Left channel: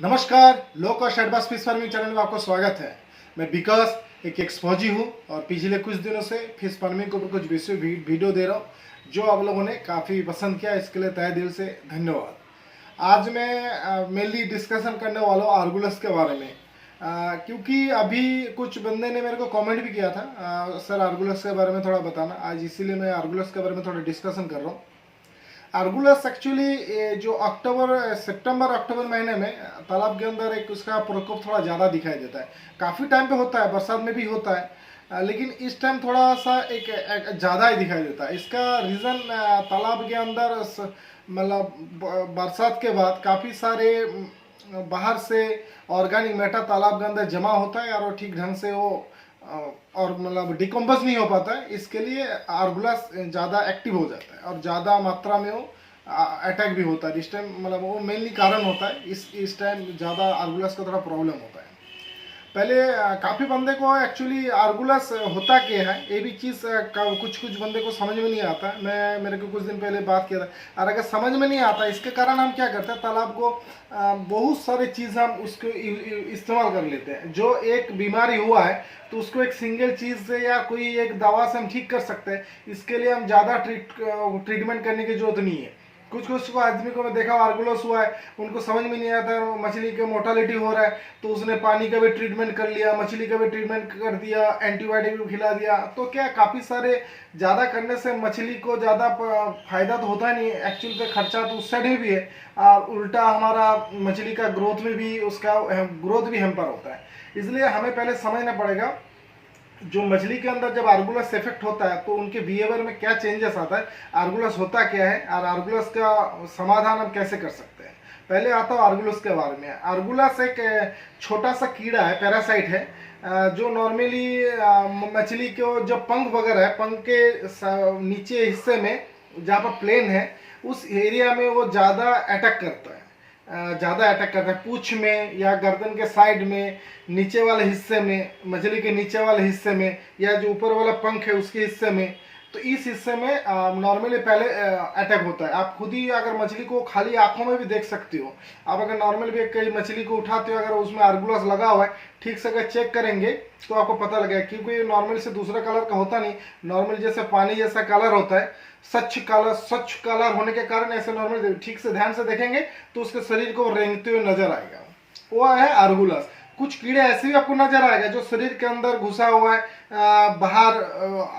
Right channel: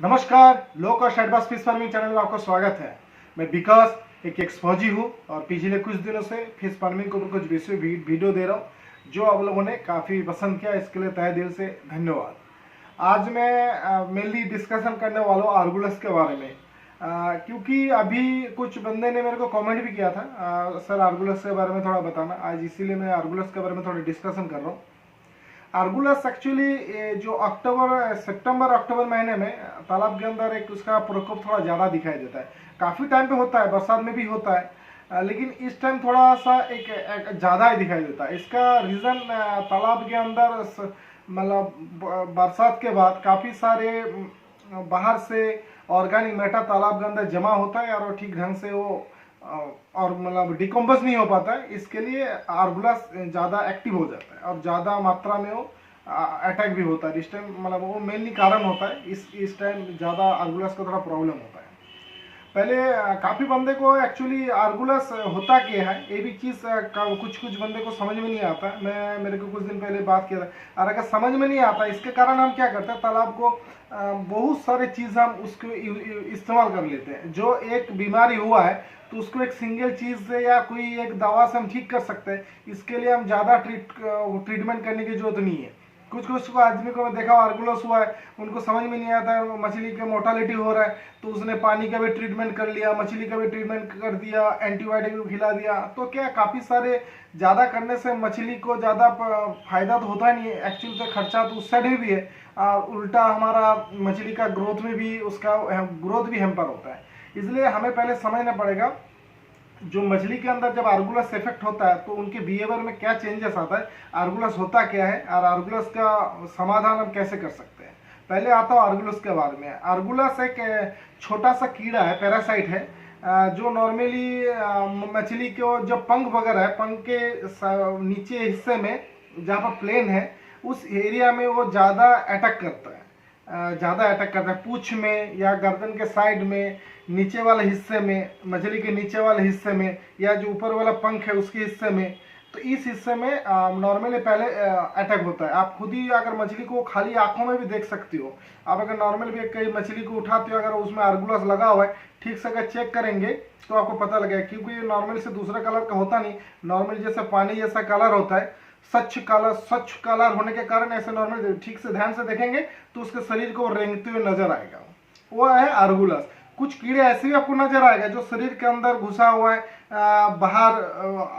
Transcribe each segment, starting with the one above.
नमस्कार, low cost advance fish farming channel में आपका स्वागत है। मैं विकास एक एक्सफौजी हूँ और पिछले कुछ दिनों से फिश फार्मिंग के ऊपर कुछ वीडियो दे रहा हूँ जो आप लोगों ने काफ़ी पसंद किया, इसके लिए तहे दिल से धन्यवाद। आज मैं मेनली डिस्कशन करने वाला हूँ आर्गुलस के बारे में, क्योंकि अभी कुछ बंदे ने मेरे को कमेंट भी किया था, सर आर्गुलस के बारे में थोड़ा बताना। आज इसीलिए मैं आर्गुलस के बारे में थोड़ा डिस्कशन कर रहा हूँ। आर्गुलस एक्चुअली जो सितंबर अक्टूबर महीने में तालाब के अंदर एक उसका प्रकोप थोड़ा ज़्यादा दिखाई देता है। काफ़ी टाइम पे होता है, बरसात में भी होता है, लेकिन इस टाइम थोड़ा सा एक ज़्यादा ही दिखाई देता है। इसका रीज़न तालाब के अंदर मतलब बरसात के बाद काफ़ी सारे बाहर से ऑर्गेनिक मैटर तालाब के अंदर जमा होता है और वो ठीक ढंग से वो और मतलब डिकम्पोज नहीं हो पाता है। इसके लिए आर्गुलस ज़्यादा एक्टिव हो जाता है और ज़्यादा मात्रा में वो अटैक भी होता है। इस टाइम मतलब वो मेनली कारण होता है, इस टाइम ज़्यादा आर्गुलस का थोड़ा प्रॉब्लम होता है। पहले काफ़ी बंदे को एक्चुअली आर्गुलस होता क्या है ये भी चीज़ कुछ बंदे को समझ में नहीं आता। मैं मेरे को कुछ दिन पहले बात किया था, और अगर समझ में नहीं आता इसके कारण हम क्या करते हैं, तालाब को बहुत सारे चीज़ हम उसको इस्तेमाल कर लेते हैं। जो एक बीमारी हुआ है तो उसको एक सिंगल चीज़ से या कोई एक दवा से हम ठीक कर सकते हैं। इसके लिए हम ज़्यादा ट्रीटमेंट करने की जरूरत नहीं है। कुछ आदमी को मैं देखा आर्गुलस हुआ है, उनको समझ में नहीं आता है, मछली का मोर्टालिटी हो रहा है तो उसने पानी का भी ट्रीटमेंट कर लिया, मछली का भी ट्रीटमेंट कर दिया, एंटीबायोटिक भी खिला दिया। तो क्या काफ़ी सारे ज़्यादा करने से मछली को ज़्यादा फायदा तो होता नहीं है, एक्चुअली तो खर्चा तो उस साइड में भी है और उल्टा हमारा मछली का ग्रोथ में भी उसका ग्रोथ भी हैम्पर होता है। इसलिए हमें पहले समझना पड़ेगा जो मछली के अंदर जब आर्गुलस इफेक्ट होता है तो उनके बिहेवियर में क्या चेंजेस आता है, आर्गुलस होता क्या है और आर्गुलस का समाधान हम कैसे कर सकते हैं। पहले आता हूँ आर्गुलस के बारे में। आर्गुलस एक छोटा सा कीड़ा है, पैरासाइट है, जो नॉर्मली मछली को जब पंख वगैरह है, पंख के नीचे हिस्से में जहाँ पर प्लेन है उस एरिया में वो ज़्यादा अटैक करता है। पूंछ में या गर्दन के साइड में, नीचे वाले हिस्से में, मछली के नीचे वाले हिस्से में, या जो ऊपर वाला पंख है उसके हिस्से में। तो इस हिस्से में नॉर्मली पहले अटैक होता है। आप खुद ही अगर मछली को खाली आंखों में भी देख सकते हो। आप अगर नॉर्मल भी कई मछली को उठाते हो, अगर उसमें आर्गुलस लगा हुआ है, ठीक से अगर चेक करेंगे तो आपको पता लगेगा, क्योंकि ये नॉर्मल से दूसरा कलर का होता नहीं। नॉर्मल जैसे पानी जैसा कलर होता है, स्वच्छ कलर होने के कारण ऐसे नॉर्मल ठीक से ध्यान से देखेंगे तो उसके शरीर को रेंगते हुए नजर आएगा, वो है आर्गुलस। कुछ कीड़े ऐसे भी आपको नजर आएगा जो शरीर के अंदर घुसा हुआ है, बाहर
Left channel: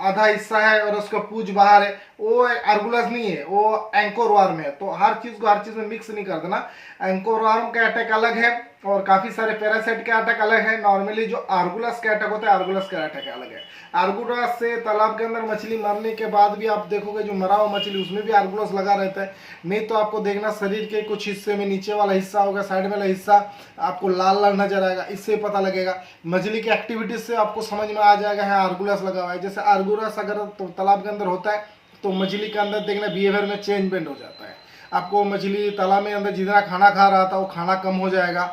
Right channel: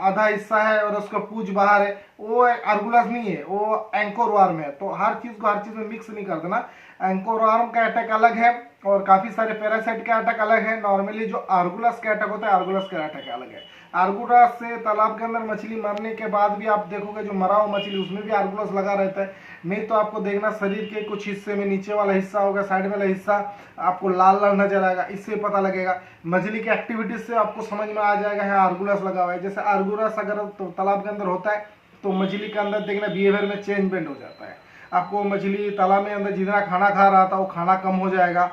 आधा हिस्सा है और उसका पूंछ बाहर है, वो आर्गुलस नहीं है, वो एंकोरवर्म है। तो हर चीज को हर चीज में मिक्स नहीं कर देना। एंकोरवर्म का अटैक अलग है और काफी सारे पैरासाइट का अटैक अलग है। नॉर्मली जो आर्गुलस का अटैक होता है, आर्गुलस का अटैक अलग है। आर्गुलस से तालाब के अंदर मछली मरने के बाद भी आप देखोगे जो मरा हुआ मछली उसमें भी आर्गुलस लगा रहता है। नहीं तो आपको देखना शरीर के कुछ हिस्से में नीचे वाला हिस्सा होगा, साइड वाला हिस्सा आपको लाल लाल नजर आएगा। इससे पता लगेगा, मछली की एक्टिविटीज से आपको समझ में आ जाएगा है आर्गुलस लगा हुआ है। जैसे आर्गुलस अगर तो तालाब के अंदर होता है तो मछली के अंदर देखना बिहेवियर में चेंजमेंट हो जाता है। आपको मछली तालाब में अंदर जितना खाना खा रहा था वो खाना कम हो जाएगा।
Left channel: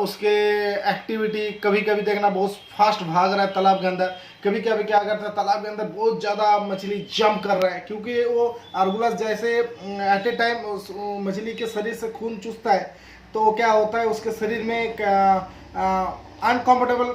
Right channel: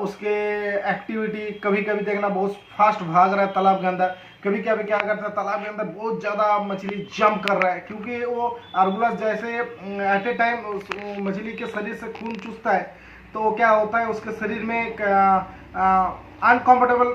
उसके एक्टिविटी कभी कभी देखना बहुत फास्ट भाग रहा है तालाब के अंदर, कभी कभी क्या करता है तालाब के अंदर बहुत ज़्यादा मछली जंप कर रहा है, क्योंकि वो आर्गुलस जैसे एट ए टाइम उस मछली के शरीर से खून चूसता है। तो क्या होता है उसके शरीर में एक अनकम्फर्टेबल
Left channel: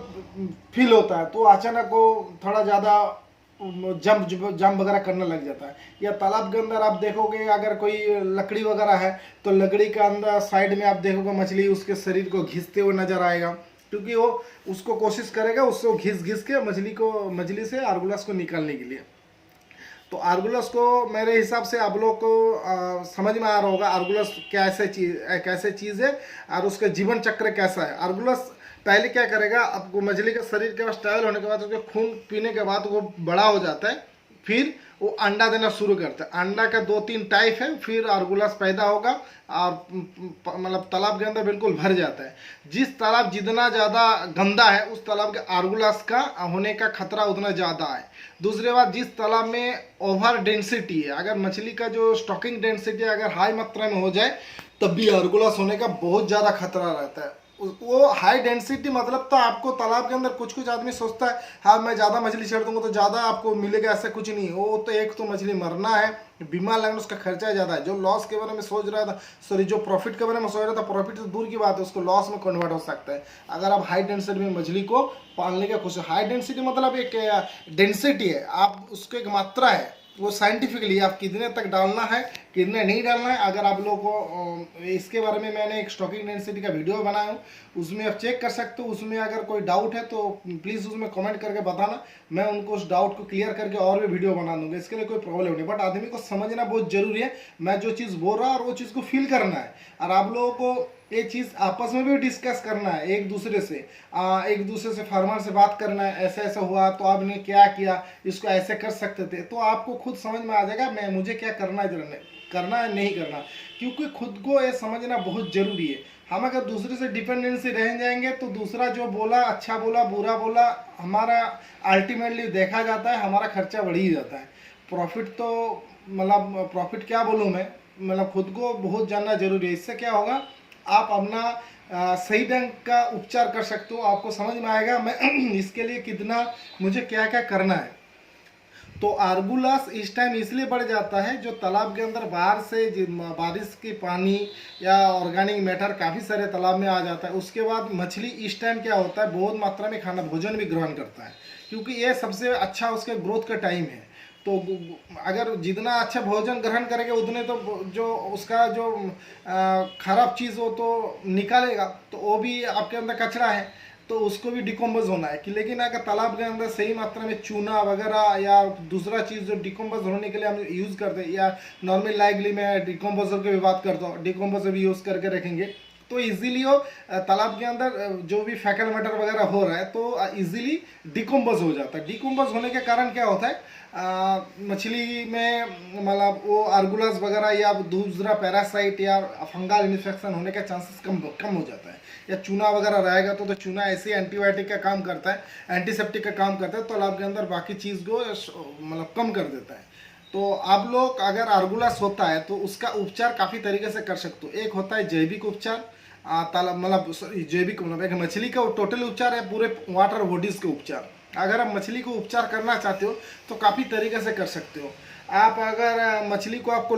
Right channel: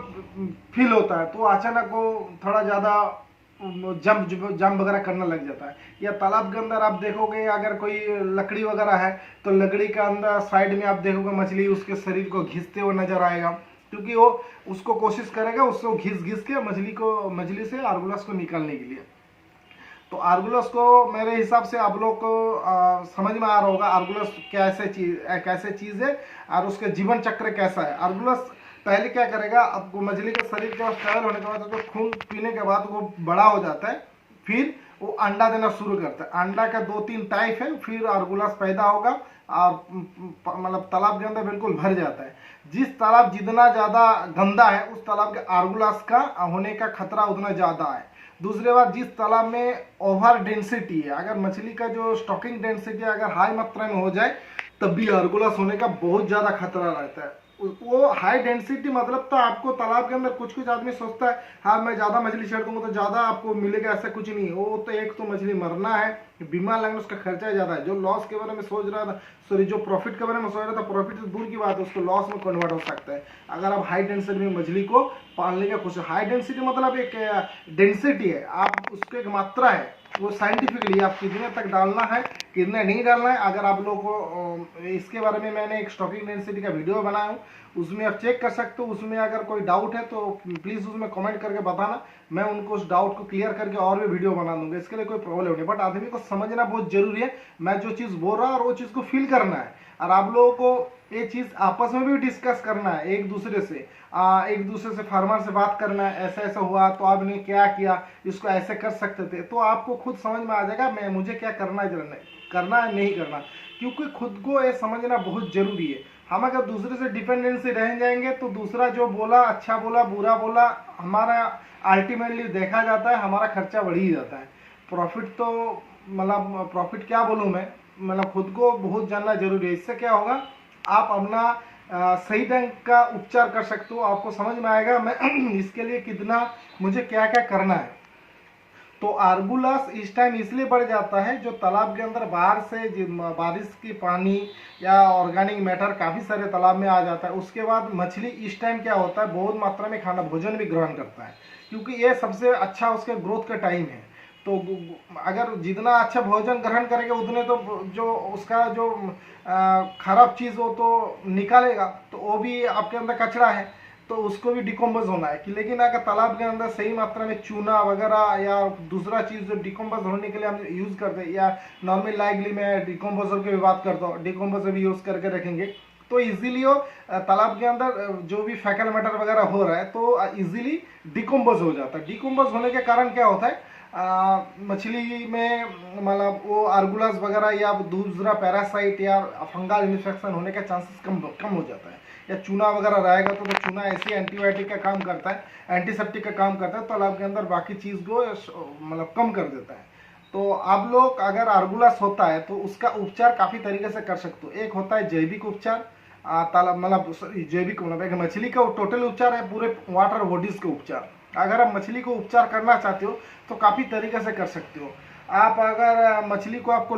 फील होता है, तो अचानक वो थोड़ा ज़्यादा जंप वगैरह करने लग जाता है। या तालाब के अंदर आप देखोगे अगर कोई लकड़ी वगैरह है तो लकड़ी के अंदर साइड में आप देखोगे मछली उसके शरीर को घिसते हुए नजर आएगा, क्योंकि वो उसको कोशिश करेगा उसको घिस के मछली से आर्गुलस को निकालने के लिए। तो आर्गुलस को मेरे हिसाब से आप लोग को समझ में आ रहा होगा आर्गुलस कैसे चीज़ है और उसका जीवन चक्र कैसा है। आर्गुलस पहले क्या करेगा, आपको मछली के शरीर के स्टेबल होने के बाद उसको खून पीने के बाद वो बड़ा हो जाता है, फिर वो अंडा देना शुरू करता है। अंडा का 2-3 टाइप है, फिर आर्गुलस पैदा होगा और मतलब तालाब के अंदर बिल्कुल भर जाता है। जिस तालाब जितना ज़्यादा गंदा है उस तालाब के आर्गुलस का होने का खतरा उतना ज़्यादा है। दूसरी बात, जिस तालाब में ओवर डेंसिटी है, अगर मछली का जो स्टॉकिंग डेंसिटी अगर हाई मात्रा में हो जाए तब भी आर्गुलस होने का बहुत ज़्यादा खतरा रहता है। वो हाई डेंसिटी मतलब तो आपको तालाब के अंदर कुछ आदमी सोचता है हाँ मैं ज़्यादा मछली छेड़ दूंगा तो ज़्यादा आपको मिलेगा, ऐसा कुछ नहीं है। वो तो एक तो मछली मरना है, बीमार लगना, उसका खर्चा ज़्यादा है। जो लॉस के बारे में सोच रहा था, सॉरी जो प्रॉफिट के बारे में सोच रहा था, प्रॉफिट तो दूर की बात है, उसको लॉस में कन्वर्ट हो सकता है अगर आप हाई डेंसिटी में मछली को पालने का कोशिश। हाई डेंसिटी मतलब एक डेंसिटी है, आप उसको एक मात्रा है, वो साइंटिफिकली आप कितने तक डालना है कितने नहीं डालना है। अगर आप लोगों को इसके बारे में मैंने एक स्टॉकिंग डेंसिटी का वीडियो बनाया हूँ, उसमें आप चेक कर सकते हो। उसमें अगर कोई डाउट है तो प्लीज़ उसमें कमेंट करके बताना, मैं उनको उस डाउट को क्लियर करके और भी वीडियो बना दूंगा, इसके लिए कोई प्रॉब्लम नहीं। बट आदमी को समझना बहुत जरूरी है, मैं जो चीज़ बोल रहा हूँ और वो चीज़ को फील करना है। और आप लोगों को ये चीज़ आपस में भी डिस्कस करना है, एक दूसरे से फार्मर से बात करना है, ऐसा ऐसा हुआ तो आपने क्या किया, इसको ऐसे कर सकते थे, तो आपको खुद समझ में आ जाएगा मैं मुझे क्या करना है नहीं करना। क्योंकि खुद को ये समझना बहुत जरूरी है। हम अगर दूसरे से डिपेंडेंसी रह जाएंगे तो दूसरा जो बोला, अच्छा बोला बुरा बोला, हमारा अल्टीमेटली देखा जाता है हमारा खर्चा बढ़ ही जाता है। प्रॉफिट तो मतलब प्रॉफिट क्या बोलूँ मैं, मतलब खुद को बहुत जानना जरूरी है। इससे क्या होगा, आप अपना सही ढंग का उपचार कर सकते हो, आपको समझ में आएगा मैं इसके लिए कितना मुझे क्या क्या करना है। तो आर्गुलास इस टाइम इसलिए बढ़ जाता है जो तालाब के अंदर बाहर से बारिश की पानी या ऑर्गेनिक मैटर काफ़ी सारे तालाब में आ जाता है। उसके बाद मछली इस टाइम क्या होता है, बहुत मात्रा में खाना भोजन भी ग्रहण करता है, क्योंकि ये सबसे अच्छा उसके ग्रोथ का टाइम है। तो अगर जितना अच्छा भोजन ग्रहण करेगा उतने तो जो उसका जो खराब चीज़ हो तो निकालेगा, तो वो भी आपके अंदर कचरा है, तो उसको भी डिकम्पोज होना है कि। लेकिन अगर तालाब के अंदर सही मात्रा में चूना वगैरह या दूसरा चीज़ जो डिकम्पोज होने के लिए हम यूज़ करते हैं, या नॉर्मल लाइकली मैं डिकम्पोजर की भी बात करता हूँ, डिकम्पोजर भी यूज़ करके रखेंगे तो इजीली वो तालाब के अंदर जो भी फैकल मैटर वगैरह हो रहा है तो इजीली डिकम्पोज हो जाता है। डिकम्पोज होने के कारण क्या होता है, मछली में मतलब वो आर्गुलास वगैरह या दूसरा पैरासाइट या फंगल इन्फेक्शन होने का चांसेस कम हो जाता है। या चूना वगैरह रहेगा तो चूना ऐसे एंटीबायोटिक का काम करता है, एंटीसेप्टिक का काम करता है, तो तालाब के अंदर बाकी चीज़ को मतलब कम कर देता है। तो आप लोग अगर आर्गुलास होता है तो उसका उपचार काफ़ी तरीके से कर सकते हो। एक होता है जैविक उपचार, तालाब मतलब जैविक मतलब एक मछली का टोटल उपचार है, पूरे वाटर बॉडीज के उपचार। अगर आप मछली को उपचार करना चाहते हो तो काफ़ी तरीके से कर सकते हो। आप अगर मछली को आपको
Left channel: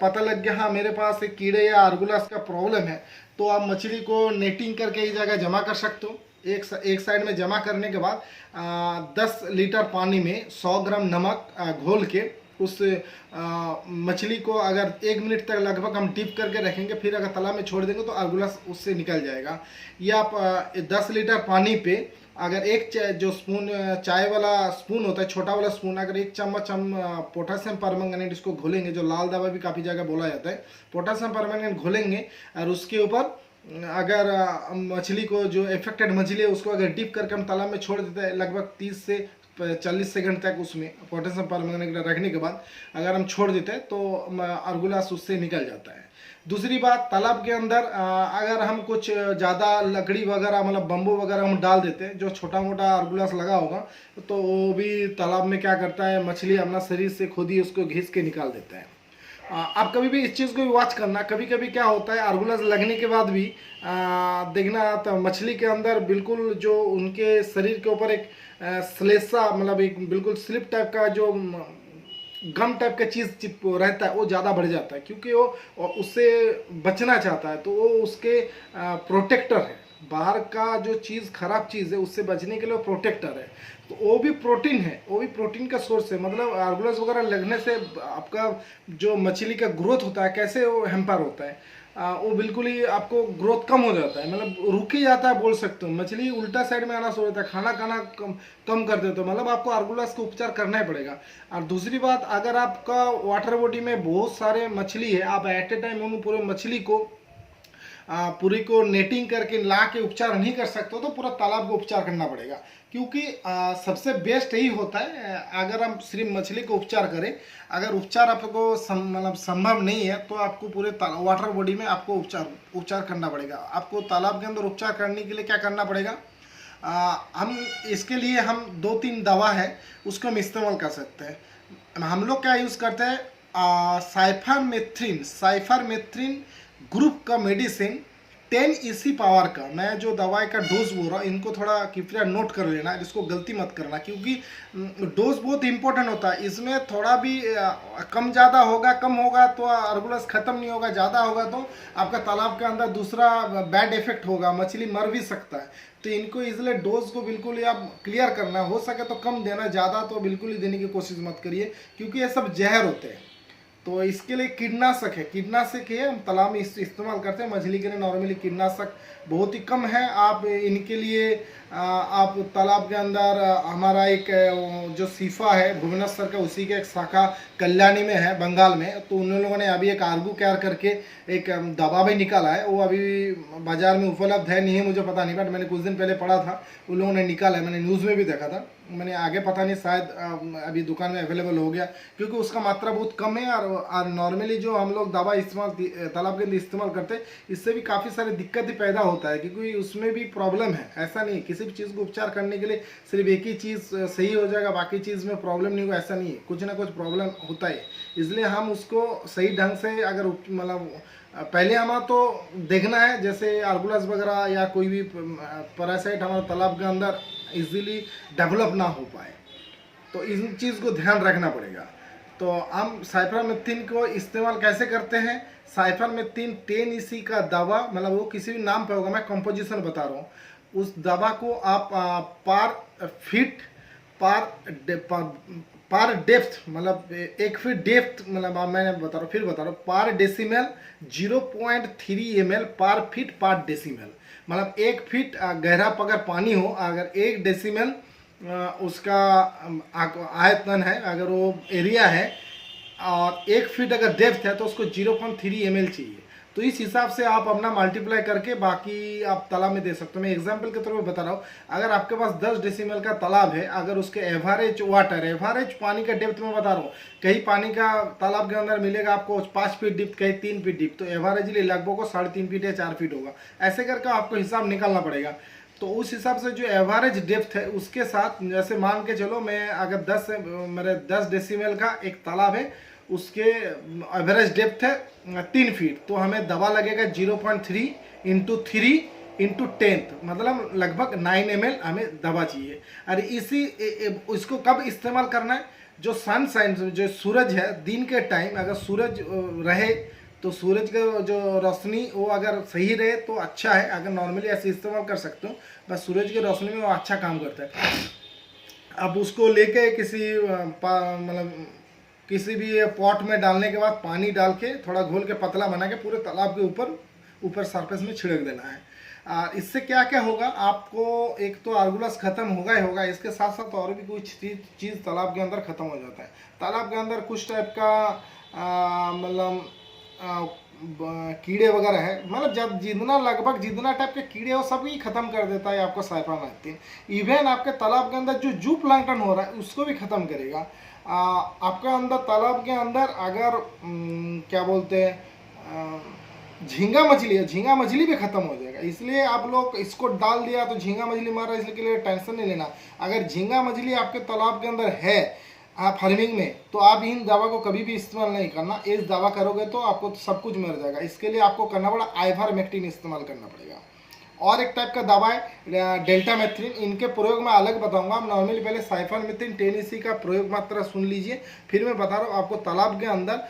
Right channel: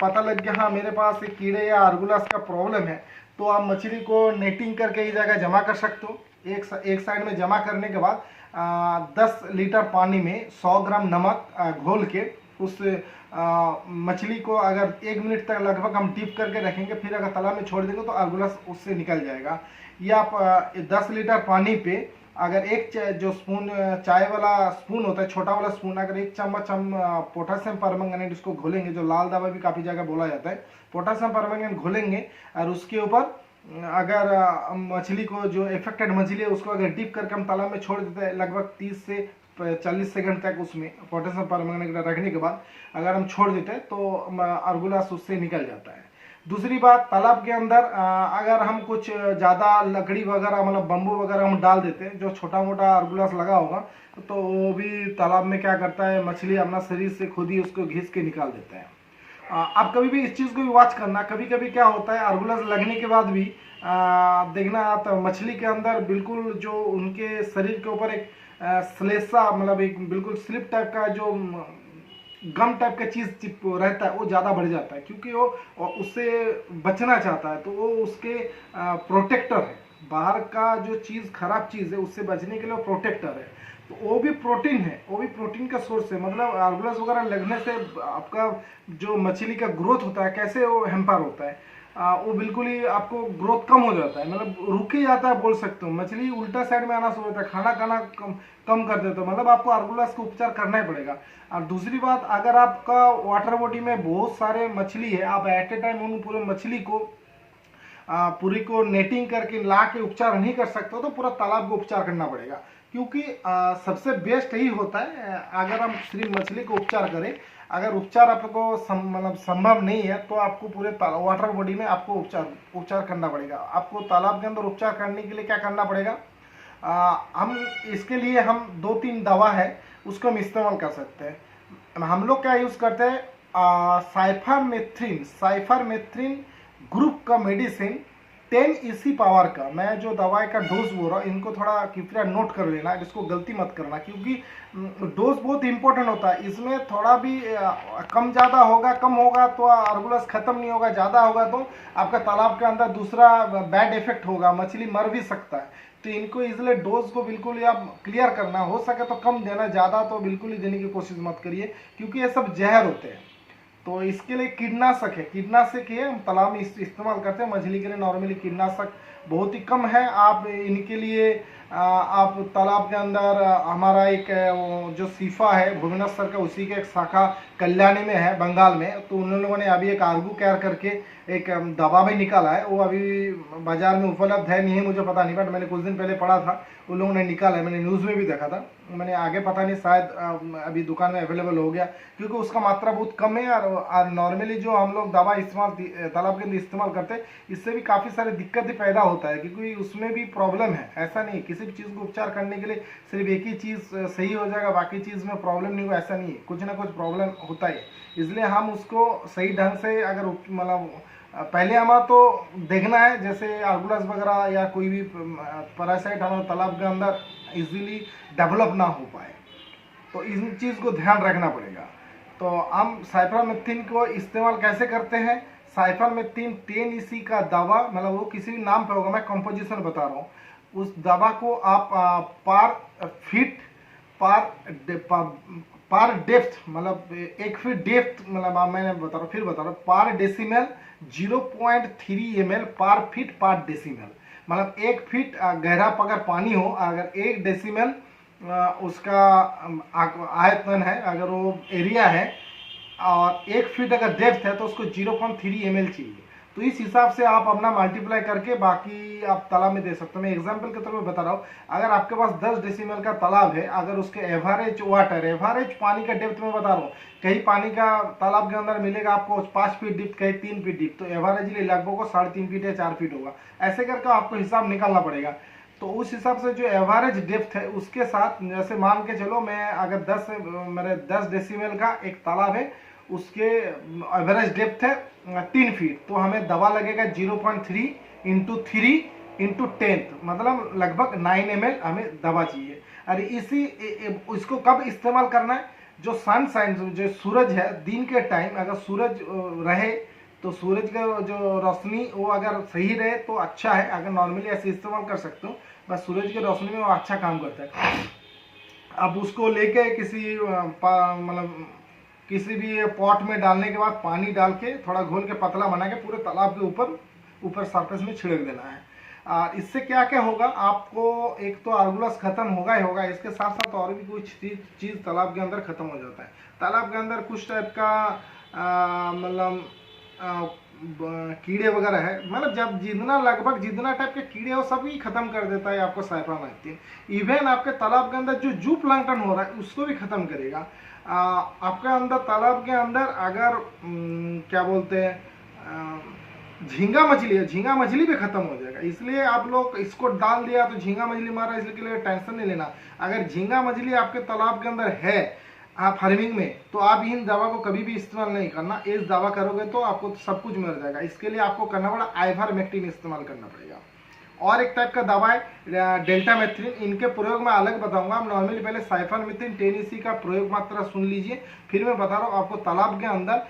पता लग गया हाँ मेरे पास एक कीड़े या आर्गुलास का प्रॉब्लम है, तो आप मछली को नेटिंग करके इस जगह जमा कर सकते हो। एक साइड में जमा करने के बाद 10 लीटर पानी में 100 ग्राम नमक घोल के उस मछली को अगर 1 मिनट तक लगभग हम डीप करके रखेंगे, फिर अगर तालाब में छोड़ देंगे तो आर्गुलास उससे निकल जाएगा। या आप 10 लीटर पानी पे अगर एक जो स्पून चाय वाला स्पून होता है, छोटा वाला स्पून, अगर 1 चम्मच हम पोटासियम परमंगनेट इसको घोलेंगे, जो लाल दवा भी काफ़ी जगह बोला जाता है, पोटासियम परमंगनेट घोलेंगे और उसके ऊपर अगर मछली को जो इफेक्टेड मछली है उसको अगर डीप करके हम तालाब में छोड़ देते हैं लगभग 30 से 40 सेकंड तक, उसमें पोटेशियम परमंगनेट रखने के बाद अगर हम छोड़ देते हैं तो आर्गुलास उससे निकल जाता है। दूसरी बात, तालाब के अंदर अगर हम कुछ ज़्यादा लकड़ी वगैरह मतलब बम्बू वगैरह हम डाल देते हैं, जो छोटा मोटा आर्गुलास लगा होगा, तो वो भी तालाब में क्या करता है, मछली अपना शरीर से खुद ही उसको घिस के निकाल देता है। आप कभी भी इस चीज़ को भी वॉच करना, कभी कभी क्या होता है आर्गुलास लगने के बाद भी देखना तो मछली के अंदर बिल्कुल जो उनके शरीर के ऊपर एक श्लेषा मतलब एक बिल्कुल स्लिप टाइप का जो गम टाइप का चीज़ चिप रहता है वो ज़्यादा बढ़ जाता है, क्योंकि वो उससे बचना चाहता है, तो वो उसके प्रोटेक्टर है। बाहर का जो चीज़ खराब चीज़ है उससे बचने के लिए वो प्रोटेक्टर है, तो वो भी प्रोटीन है, वो भी प्रोटीन का सोर्स है। मतलब आर्गुलास वगैरह लगने से आपका जो मछली का ग्रोथ होता है कैसे वो हैम्पर होता है, वो बिल्कुल ही आपको ग्रोथ कम हो जाता है, मतलब रुक ही जाता है बोल सकते हो। मछली उल्टा साइड में आना शुरू होता है, खाना कम कर देते हो, मतलब आपको आर्गुलास का उपचार करना ही पड़ेगा। और दूसरी बात, अगर आपका वाटर बॉडी में बहुत सारे मछली है, आप एट ए टाइम उन पूरे मछली को पूरी को नेटिंग करके ला के उपचार नहीं कर सकते हो, तो पूरा तालाब को उपचार करना पड़ेगा। क्योंकि सबसे बेस्ट यही होता है अगर हम सिर्फ मछली को उपचार करें। अगर उपचार आपको मतलब संभव नहीं है तो आपको पूरे वाटर बॉडी में आपको उपचार करना पड़ेगा। आपको तालाब के अंदर उपचार करने के लिए क्या करना पड़ेगा, हम इसके लिए हम 2-3 दवा है उसको हम इस्तेमाल कर सकते हैं। हम लोग क्या यूज़ करते हैं, साइफरमेथ्रिन ग्रुप का मेडिसिन 10 EC पावर का मैं जो दवाई का डोज बोल रहा हूँ, इनको थोड़ा कृपया नोट कर लेना, इसको गलती मत करना, क्योंकि डोज बहुत इंपॉर्टेंट होता है। इसमें थोड़ा भी कम ज़्यादा होगा, कम होगा तो आर्गुलस ख़त्म नहीं होगा, ज़्यादा होगा तो आपका तालाब के अंदर दूसरा बैड इफेक्ट होगा, मछली मर भी सकता है। तो इनको इसलिए डोज को बिल्कुल ही आप क्लियर करना, हो सके तो कम देना, ज़्यादा तो बिल्कुल ही देने की कोशिश मत करिए, क्योंकि ये सब जहर होते हैं। तो इसके लिए कीटनाशक है, कीटनाशक है हम तालाब में इस्तेमाल करते हैं। मछली के लिए नॉर्मली कीटनाशक बहुत ही कम है। आप इनके लिए आप तालाब के अंदर हमारा एक जो सीफा है भुवनेश्वर का, उसी के एक शाखा कल्याणी में है बंगाल में, तो उन लोगों ने अभी एक आर्गू केयर करके एक दवा भी निकाला है। वो अभी बाजार में उपलब्ध है नहीं है मुझे पता नहीं, बट मैंने कुछ दिन पहले पढ़ा था उन लोगों ने निकाला है, मैंने न्यूज़ में भी देखा था। मैंने आगे पता नहीं, शायद अभी दुकान में अवेलेबल हो गया, क्योंकि उसका मात्रा बहुत कम है। और नॉर्मली जो हम लोग दवा इस्तेमाल तालाब के अंदर इस्तेमाल करते हैं, इससे भी काफ़ी सारी दिक्कतें पैदा होता है, क्योंकि उसमें भी प्रॉब्लम है। ऐसा नहीं, किसी भी चीज़ को उपचार करने के लिए सिर्फ एक ही चीज़ सही हो जाएगा, बाकी चीज़ में प्रॉब्लम नहीं होगा, ऐसा नहीं है, कुछ ना कुछ प्रॉब्लम होता है। इसलिए हम उसको सही ढंग से अगर मतलब पहले हमारा तो देखना है, जैसे आर्गुलस वगैरह या कोई भी पैरासाइट हमारे तालाब के अंदर इजीली डेवलप ना हो पाए, तो इन चीज़ को ध्यान रखना पड़ेगा। तो हम साइफरमेथ्रिन को इस्तेमाल कैसे करते हैं? साइफरमेथ्रिन 10 EC का दवा, मतलब वो किसी भी नाम पे होगा, मैं कंपोजिशन बता रहा हूँ। उस दवा को आप पर फीट पर डेप्थ, मतलब 1 फीट डेप्थ, मतलब मैंने बता रहा हूँ, फिर बता रहा हूँ, पर डेसिमल 0.3 ml पर फीट पर डेसिमल, मतलब 1 फीट गहरा अगर पानी हो, अगर 1 डेसिमल उसका आयतन है, अगर वो एरिया है, और 1 फीट अगर डेप्थ है, तो उसको 0.3 ml चाहिए। तो इस हिसाब से आप अपना मल्टीप्लाई करके बाकी आप तालाब में दे सकते हो। मैं एग्जांपल के तौर पे बता रहा हूँ, अगर आपके पास 10 डेसिमल का तालाब है, अगर उसके एवरेज वाटर, एवरेज पानी का डेप्थ में बता रहा हूँ, कहीं पानी का तालाब के अंदर मिलेगा आपको 5 फीट डीप, कहीं 3 फीट डीप, तो एवरेजली लगभग 3.5 फीट या 4 फीट होगा। ऐसे करके आपको हिसाब निकालना पड़ेगा। तो उस हिसाब से जो एवरेज डेप्थ है उसके साथ, जैसे मान के चलो मैं अगर मेरे 10 डेसिमल का एक तालाब है, उसके एवरेज डेप्थ है 3 फीट, तो हमें दवा लगेगा 0.3 × 3 × 10, मतलब लगभग 9 ml हमें दवा चाहिए। और इसको कब इस्तेमाल करना है? जो सनशाइन, जो सूरज है दिन के टाइम, अगर सूरज रहे तो सूरज का जो रोशनी वो अगर सही रहे तो अच्छा है। अगर नॉर्मली ऐसे इस्तेमाल कर सकते हो, बस सूरज की रोशनी में वो अच्छा काम करता है। अब उसको लेके किसी मतलब किसी भी पॉट में डालने के बाद पानी डाल के थोड़ा घोल के पतला बना के पूरे तालाब के ऊपर सरफेस में छिड़क देना है। और इससे क्या क्या होगा, आपको एक तो आर्गुलस खत्म होगा ही होगा, इसके साथ साथ और भी कुछ चीज़ तालाब के अंदर खत्म हो जाता है। तालाब के अंदर कुछ टाइप का मतलब कीड़े वगैरह है, मतलब जब जितना टाइप के कीड़े हो सभी खत्म कर देता है आपको साइफरमेथ्रिन। इवन आपके तालाब के अंदर जो जू प्लांटन हो रहा है उसको भी खत्म करेगा। आपके अंदर तालाब के अंदर अगर क्या बोलते हैं झींगा मछली है, झींगा मछली भी खत्म हो जाएगा। इसलिए आप लोग इसको डाल दिया तो झींगा मछली मार रहा है, इसलिए टेंशन नहीं लेना। अगर झींगा मछली आपके तालाब के अंदर है फार्मिंग में, तो आप इन दवा को कभी भी इस्तेमाल नहीं करना। इस दवा करोगे तो आपको सब कुछ मर जाएगा। इसके लिए आपको करना पड़ा आइवरमेक्टिन इस्तेमाल करना पड़ेगा। और एक टाइप का दवा है डेल्टामेथ्रिन, इनके प्रयोग मैं अलग बताऊंगा। आप नॉर्मली पहले साइफरमेथ्रिन 10 EC का प्रयोग मात्रा सुन लीजिए, फिर मैं बता रहा हूँ आपको तालाब के अंदर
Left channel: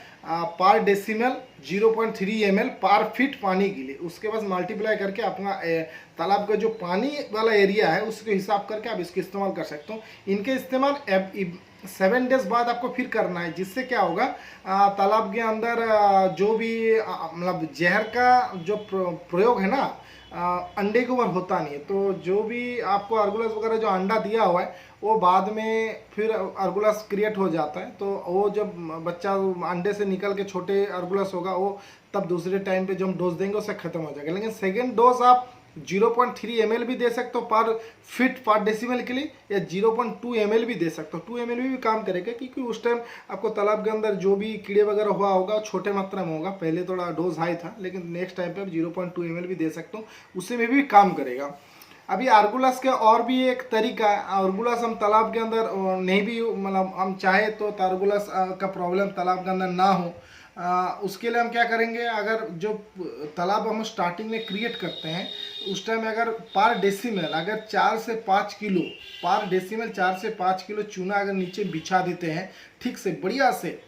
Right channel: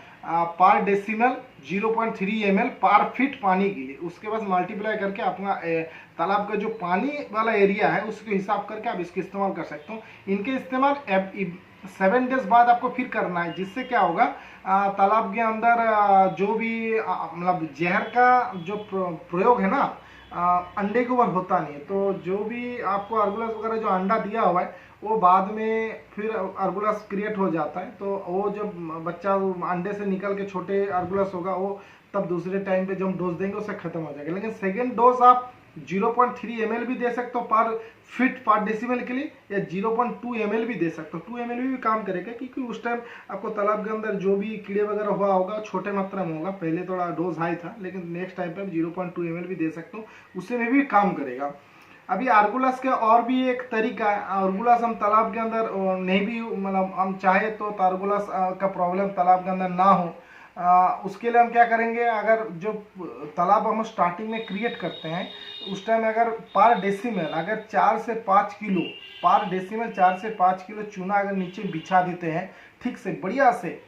पर डेसिमल 0.3 ml पर फीट पानी के लिए, उसके बाद मल्टीप्लाई करके अपना तालाब का जो पानी वाला एरिया है उसके हिसाब करके आप इसको इस्तेमाल कर सकते हो। इनके इस्तेमाल 7 डेज बाद आपको फिर करना है, जिससे क्या होगा तालाब के अंदर जो भी मतलब जहर का जो प्रयोग है ना, अंडे के ऊपर होता नहीं है। तो जो भी आपको आर्गुलस वगैरह जो अंडा दिया हुआ है वो बाद में फिर आर्गुलस क्रिएट हो जाता है। तो वो जब बच्चा अंडे से निकल के छोटे आर्गुलस होगा, वो तब दूसरे टाइम पे जो हम डोज देंगे उससे खत्म हो जाएगा। लेकिन सेकेंड डोज आप 0.3 ml भी दे सकते हो पर फीट पर डेसिमल के लिए, या 0.2 ml भी दे सकते हो। 2 ml भी काम करेगा, क्योंकि उस टाइम आपको तालाब के अंदर जो भी कीड़े वगैरह हुआ होगा छोटे मात्रा में होगा। पहले थोड़ा डोज हाई था, लेकिन नेक्स्ट टाइम पे 0.2 ml भी दे सकते हो, उससे में भी काम करेगा। अभी आर्गुलस के और भी एक तरीका है। आर्गुलस हम तालाब के अंदर नहीं भी, मतलब हम चाहे तो आर्गुलस का प्रॉब्लम तालाब के अंदर ना हो, उसके लिए हम क्या करेंगे, अगर जो तालाब हम स्टार्टिंग में क्रिएट करते हैं उस टाइम अगर पर डेसिमल अगर 4 से 5 किलो पर डेसिमल 4 से 5 किलो चूना अगर नीचे बिछा देते हैं ठीक से बढ़िया से,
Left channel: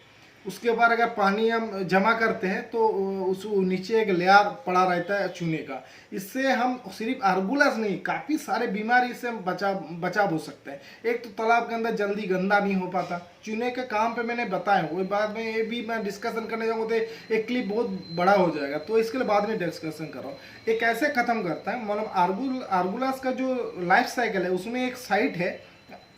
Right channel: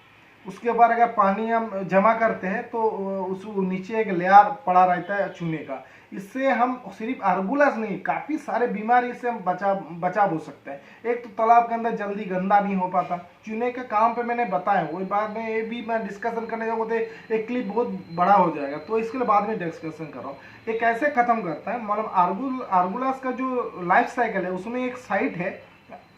उसके बाद अगर पानी हम जमा करते हैं तो उस नीचे एक लेयर पड़ा रहता है चूने का। इससे हम सिर्फ आर्गुलस नहीं, काफ़ी सारे बीमारी से हम बचा हो सकते हैं। एक तो तालाब के अंदर जल्दी गंदा नहीं हो पाता, चूने के काम पे मैंने बताया, वही बाद में ये भी मैं डिस्कशन करने जाऊँगा तो एक क्लिप बहुत बड़ा हो जाएगा, तो इसके लिए बाद में डिस्कशन कर रहा हूँ। ये कैसे ख़त्म करता है, मतलब आर्गुलस का जो लाइफ साइकिल है उसमें एक साइट है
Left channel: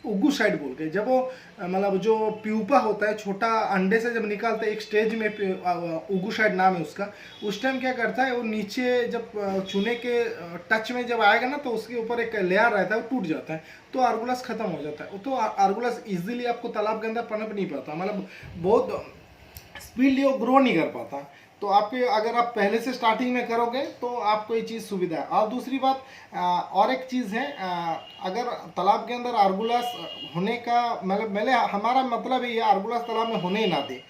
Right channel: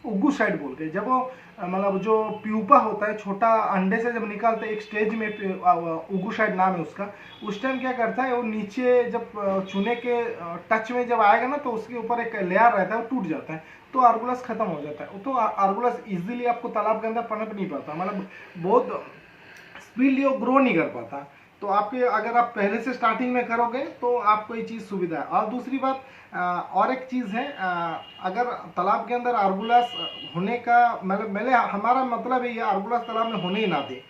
उगू साइड बोल के, जब वो मतलब जो प्यूपा होता है छोटा अंडे से जब निकालते हैं एक स्टेज में उगू साइड नाम है उसका, उस टाइम क्या करता है वो नीचे जब चूने के टच में जब आएगा ना तो उसके ऊपर एक लेयर रहता है वो टूट जाता है, तो आर्गुलस खत्म हो जाता है। तो आर्गुलस इजीली आपको तालाब के अंदर पनप नहीं पाता, मतलब बहुत स्पीडली वो ग्रो नहीं कर पाता। तो आपके अगर आप पहले से स्टार्टिंग में करोगे तो आपको ये चीज़ सुविधा है। और दूसरी बात और एक चीज़ है, अगर तालाब के अंदर आर्गुलस होने का मतलब हमारा मतलब ये आर्गुलस तालाब में होने ही ना दे,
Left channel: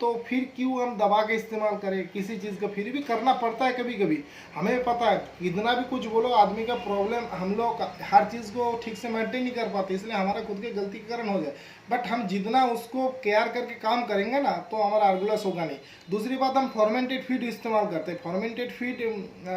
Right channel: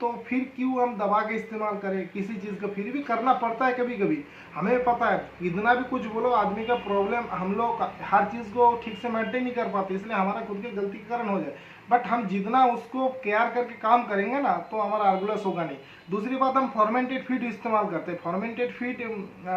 तो फिर क्यों हम दवा का इस्तेमाल करें किसी चीज़ का, फिर भी करना पड़ता है कभी कभी। हमें पता है कितना भी कुछ बोलो आदमी का प्रॉब्लम, हम लोग हर चीज़ को ठीक से मेंटेन नहीं कर पाते, इसलिए हमारा खुद के गलती के कारण हो जाए। बट हम जितना उसको केयर करके काम करेंगे ना तो हमारा आर्गुलस होगा नहीं। दूसरी बात, हम फॉर्मेंटेड फीड इस्तेमाल करते हैं। फॉर्मेंटेड फीड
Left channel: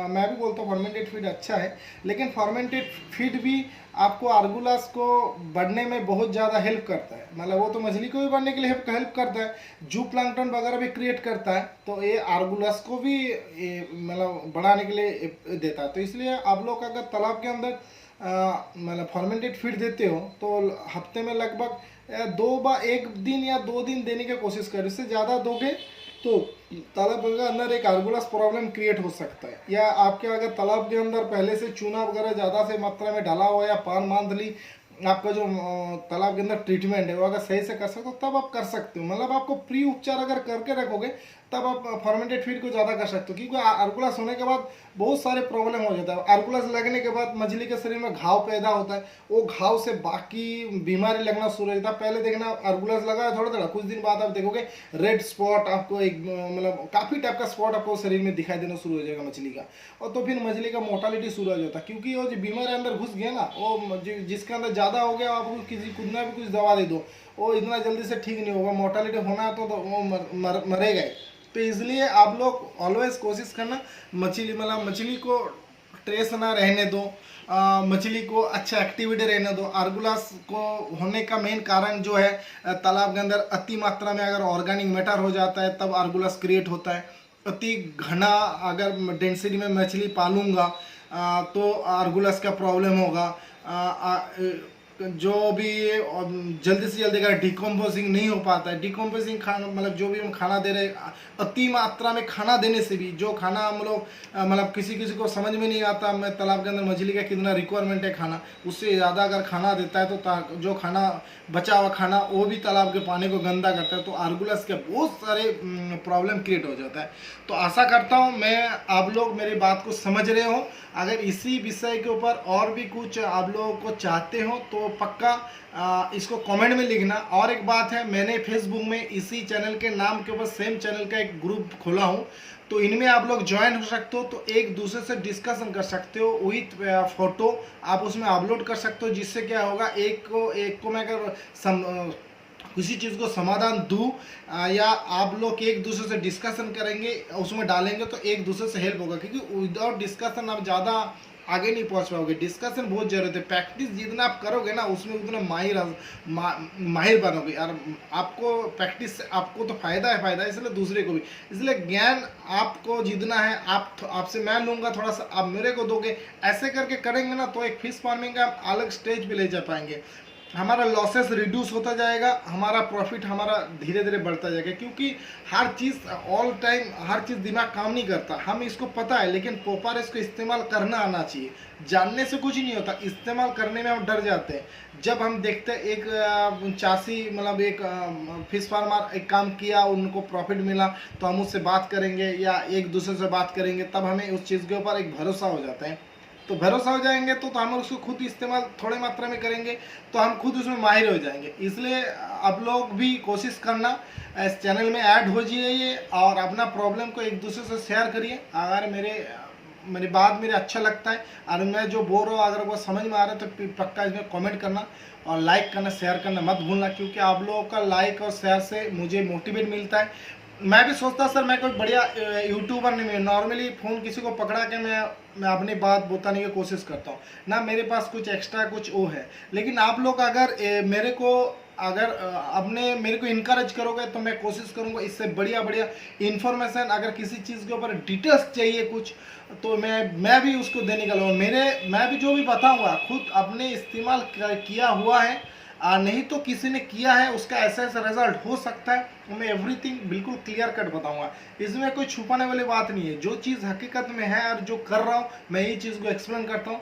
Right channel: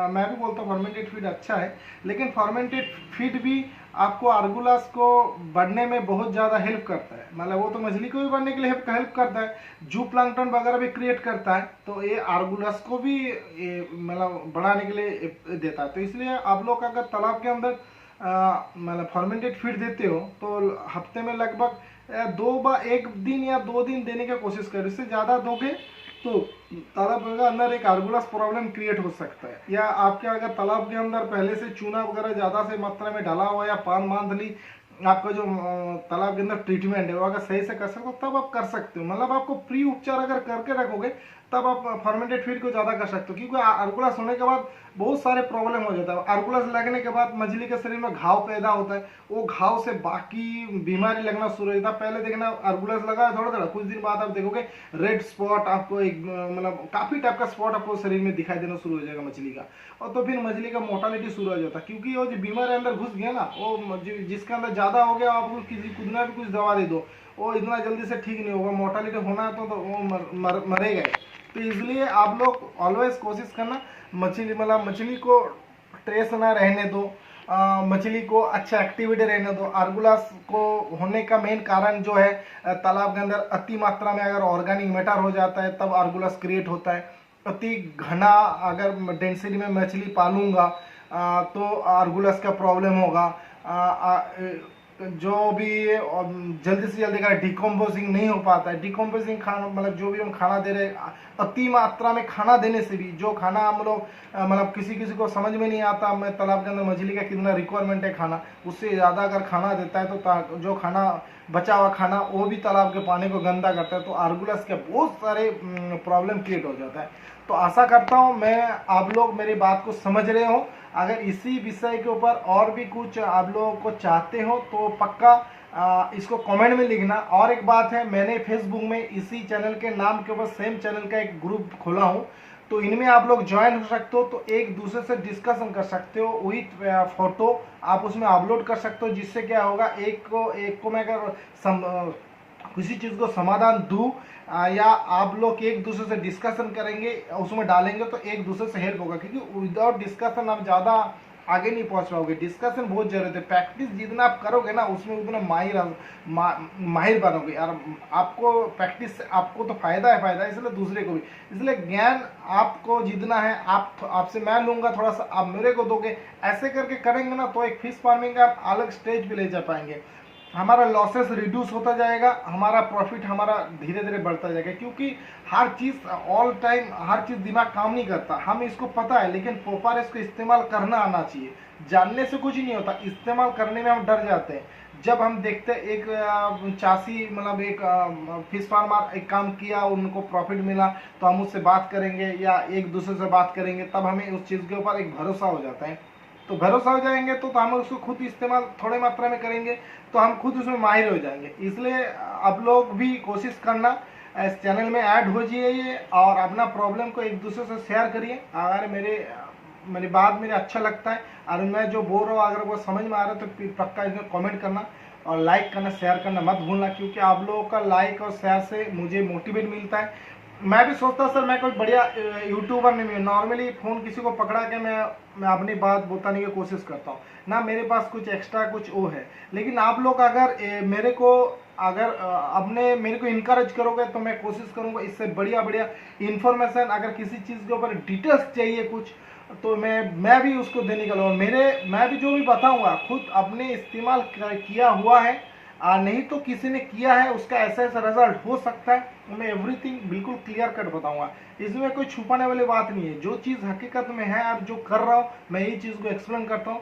मैं भी बोलता हूँ फॉर्मेंटेड फीड अच्छा है, लेकिन फॉर्मेंटेड फीड भी आपको आर्गुलस को बढ़ने में बहुत ज़्यादा हेल्प करता है, मतलब वो तो मछली को भी बढ़ने के लिए हेल्प करता है, जू प्लांक्टन वगैरह भी क्रिएट करता है, तो ये आर्गुलस को भी मतलब बढ़ाने के लिए देता है। तो इसलिए आप लोग अगर तालाब के अंदर मतलब फॉर्मेंटेड फीड देते हो तो हफ्ते में लगभग एक दिन या 2 दिन देने की कोशिश करें। इससे ज़्यादा दोगे तो तालाब के अंदर एक आर्गुलस प्रॉब्लम क्रिएट हो सकता है। या आपके अगर तालाब के अंदर पहले से चूना वगैरह ज़्यादा से मात्रा में डाला हुआ या पान मंथली आपका जो तालाब के अंदर ट्रीटमेंट है वो अगर सही से कर सकते हो तब आप कर सकते हो, मतलब आपको प्री उपचार अगर करके रखोगे तब आप फॉर्मेंटेड फीड को ज़्यादा कर सकते हो। क्योंकि आर्गुलस होने के बाद बहुत सारे प्रॉब्लम हो जाता है। आर्गुलस लगने के बाद मछली के शरीर में घाव पैदा होता है, वो घाव से बाकी बीमारी लगना शुरू हो जाता है। पहले देखना आर्गुलस लगा है थोड़ा थोड़ा, कुछ दिन बाद आप देखोगे रेड स्पॉट, आपको एक मतलब काफ़ी टाइप का स्पॉट आपको शरीर में दिखाई देना शुरू हो जाएगा मछली का, और तो फिर मछली का मोर्टालिटी शुरू हो जाता है। क्योंकि वो जो बीमारी अंदर घुस गया ना, वो जिसके अंदर ज़्यादा हो गया, आप किसी कितना भी कुछ दवा दे दो वो इतना जल्दी से ठीक नहीं होगा। मोर्टालिटी होना है तो वो मरेगा। तो इसलिए आप लोग ऑलवेज कोशिश करना मछली को स्ट्रेस ना रहने दो, मछली को अच्छा एक्टिविटी रहने दो। आर्गुलस को होने का मेन कारण जो है तालाब के अंदर अति मात्रा में अगर ऑर्गेनिक मैटर हो जाता है तब आर्गुलस क्रिएट होता है। अति घना अगर डेंसिटी में मछली पालूंगा तो आर्गुलस का प्रॉब्लम होगा। जो भी जल्दी से जल्दी का डिकम्पोजिंग नहीं हो पाता है, डिकम्पोजिंग खाना मतलब जो भी हम खाना दे रहे अति मात्रा में खाना देने से भी, जो खाना हम लोग मतलब किसी किसी को समझ में नहीं आता मैं तालाब के अंदर मछली का कितना रिक्वायरमेंट है खाना, उससे ज़्यादा अगर खाना देता है तो जो खाना बचा हुआ खाना वो भी तालाब के पानी को गंदा करता है, तो आर्गुलस के बहुत सारे प्रॉब्लम क्रिएट हो जाता है। तो आशा करता हूँ मैं आप लोग मेरी बात को समझ रहे हो। अगर इसी विषय के ऊपर और भी कुछ आप लोगों को चाहते हो तो पक्का इसको कमेंट में लिखना। और एक बात है, मैंने फेसबुक में इसी चैनल के नाम के ऊपर सेम चैनल का एक ग्रुप खोला हूँ, तो इनमें आप लोग ज्वाइन हो सकते हो, तो एक दूसरे से डिस्कशन कर सकते हो, वही फोटो आप उसमें अपलोड कर सकते हो, जिससे क्या होगा एक को मैं अगर किसी चीज़ को समाधान दूँ या आप लोग एक दूसरे से डिस्कशन करेंगे उसमें डालेंगे तो एक दूसरे से हेल्प होगा। क्योंकि विदाउट डिस्कशन आप ज़्यादा आगे नहीं पहुंच पाओगे। डिस्कशन बहुत जरूरत है, प्रैक्टिस जितना आप करोगे ना उसमें उतना माहिर बनोगे यार। आपको प्रैक्टिस से आपको तो फायदा है फायदा, इसलिए दूसरे को भी। इसलिए ज्ञान आपको जितना है आपसे मैं लूँगा, थोड़ा सा आप मेरे को दोगे, ऐसे करके करेंगे ना तो एक फिश फार्मिंग का आप अलग स्टेज पे ले जा पाएंगे। हमारा लॉसेस रिड्यूस होता जाएगा, हमारा प्रॉफिट हमारा धीरे धीरे बढ़ता जाएगा। क्योंकि हर चीज़ ऑल टाइम हर चीज़ दिमाग काम नहीं करता, हम इसको पता है, लेकिन प्रॉपर इसको इस्तेमाल करना आना चाहिए। जानने से कुछ नहीं होता, इस्तेमाल करने में हम डर जाते हैं। जब हम देखते हैं एक चासी मतलब एक फिश फार्मर एक काम किया, उनको प्रॉफिट मिला, तो हम उससे बात करेंगे या एक दूसरे से बात करेंगे, तब हमें उस चीज़ के ऊपर एक भरोसा हो जाता है। तो भरोसा हो जाएंगे तो हम उसको खुद इस्तेमाल थोड़े मात्रा में करेंगे तो हम खुद उसमें माहिर हो जाएंगे। इसलिए आप लोग भी कोशिश करना इस चैनल में ऐड हो जाइए और अपना प्रॉब्लम को एक दूसरे से शेयर करिए। अगर मेरी बात मेरे अच्छा लगता है और मैं जो बोल रहा हूँ अगर वो समझ में आ रहा है तो पक्का इसमें कमेंट करना और लाइक करना, शेयर करना मत भूलना, क्योंकि आप लोगों का लाइक और शेयर से मुझे मोटिवेट मिलता है। मैं भी सोचता सर मैं कोई बढ़िया यूट्यूबर नहीं, मैं नॉर्मली फ़ोन किसी को पकड़ा के मैं अपनी बात बताने की कोशिश करता हूँ ना, मेरे पास कुछ एक्स्ट्रा कुछ वो है। लेकिन आप लोग अगर मेरे को इनकरेज करोगे तो मैं कोशिश करूँगा इससे बढ़िया बढ़िया इन्फॉर्मेशन, अगर किसी चीज़ के ऊपर डिटेल्स चाहिए कुछ तो मैं भी उसको देने का मैं भी जो भी बताऊँगा खुद अपने इस्तेमाल किया हुआ है, नहीं तो किसी ने किया है उसका ऐसा ऐसा रिजल्ट हो सकता है, तो मैं एवरीथिंग बिल्कुल क्लियर कट बताऊंगा। इसमें कोई छुपाने वाली बात नहीं है, जो चीज़ हकीकत में है और जो कर रहा हूँ मैं यही चीज़ को एक्सप्लेन करता हूँ।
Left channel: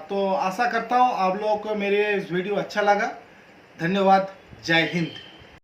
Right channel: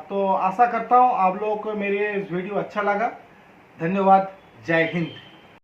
तो आशा करता हूँ आप लोगों को मेरे इस वीडियो अच्छा लगा। धन्यवाद। जय हिंद।